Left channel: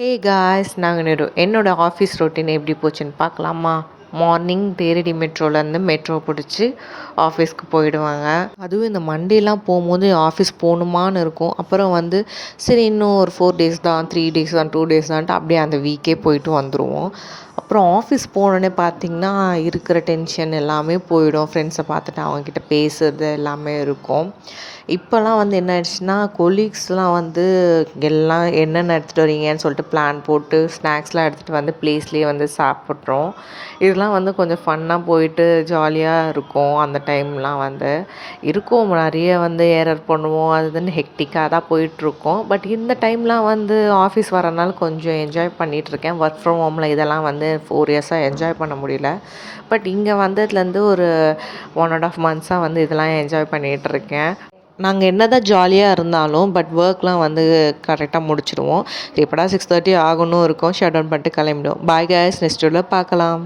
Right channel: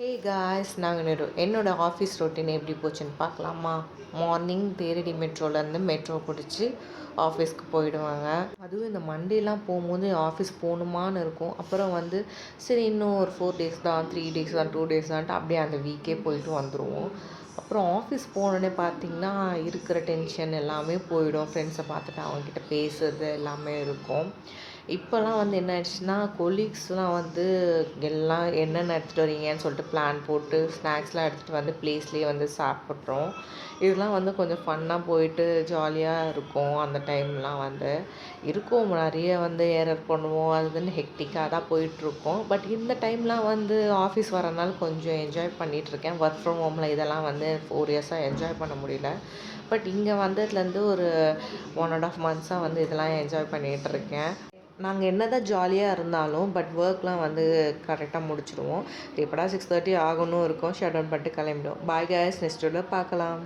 Hey guys, நாங்கள் என்னோடய office routine எப்படி போச்சுன்னு பார்க்கலாமா? மார்னிங் தேரடி மெட்ரோலேருந்து மெட்ரோ பிடிச்சி ஆஃபீஸ்க்கு போயிடுவாங்க. அதுவும் இந்த மண்டேலாம் போகும்போது ஆஃபீஸ் போகணுமான்னு இருக்கும். அப்புறம் சரி இன்னும் ஒரு 4 டேஸ் தான், 3 டேஸ் தான், 2 டேஸ் தான்ட்டு அப்படியே அந்த வீக்கே போயிட்டு வந்துடுவோம். அப்புறம் ஆஃபீஸ் போனோடனே பார்த்திங்கன்னா இருக்கிற டென்ஷன் எல்லாமே போயிடும். ஃப்ரெண்ட்ஸை பார்த்துட்டு அவங்கக்கிட்ட பேசுறது எல்லாமே இருக்கும். இப்போல்லாம் என்ன ஆயிடுச்சுன்னா, கொலீக்ஸ்லாம் எல்லாம் என்னென்ன எடுத்துகிட்டு வரீங்கன்னு சொல்லிட்டு பிளான் போட்டு ஸ்நாக்ஸ்லாம் எடுத்துகிட்டு ப்ளேஸ்லேயே சாப்பிட்றோம். இதெல்லாம் கொஞ்சம் ஃபன்னாக போயிட்டு ஜாலியாக இருக்கும். அந்த டைம்லாம் இருக்கும் நிறைய எரர் பண்ணுவோம். அது இதுன்னு ஹெக்டிக்காக தான் போயிட்டுருக்கோம். பட் இந்த டைம்லாம் ஆஃபீஸ் வரனால கொஞ்சம் என்ஜாய் பண்ணிகிட்ருக்கேன். ஒர்க் ஃப்ரம் ஹோமில் இதெல்லாம் 4 இயர்ஸாக என்ஜாய் பண்ண முடியல. பட் இங்கே வந்ததுலேருந்து ஒரு 1 1/2 மந்த்ஸாக இதெல்லாம் என்ஜாய் பண்ணிகிட்ருக்கேன். நாங்கள் என்ன தான் ஜாலியாக இருந்தாலும் பட் ஒர்க்லாம் கரெக்டாக முடிச்சுடுவோம். எப்படா 6:30 ஆகணும் இருக்கும், ஷட் டவுன் பண்ணிட்டு கிளம்பிடுவோம். பாய் கைஸ், நெக்ஸ்ட் வீடியோவில் பார்க்கலாம்.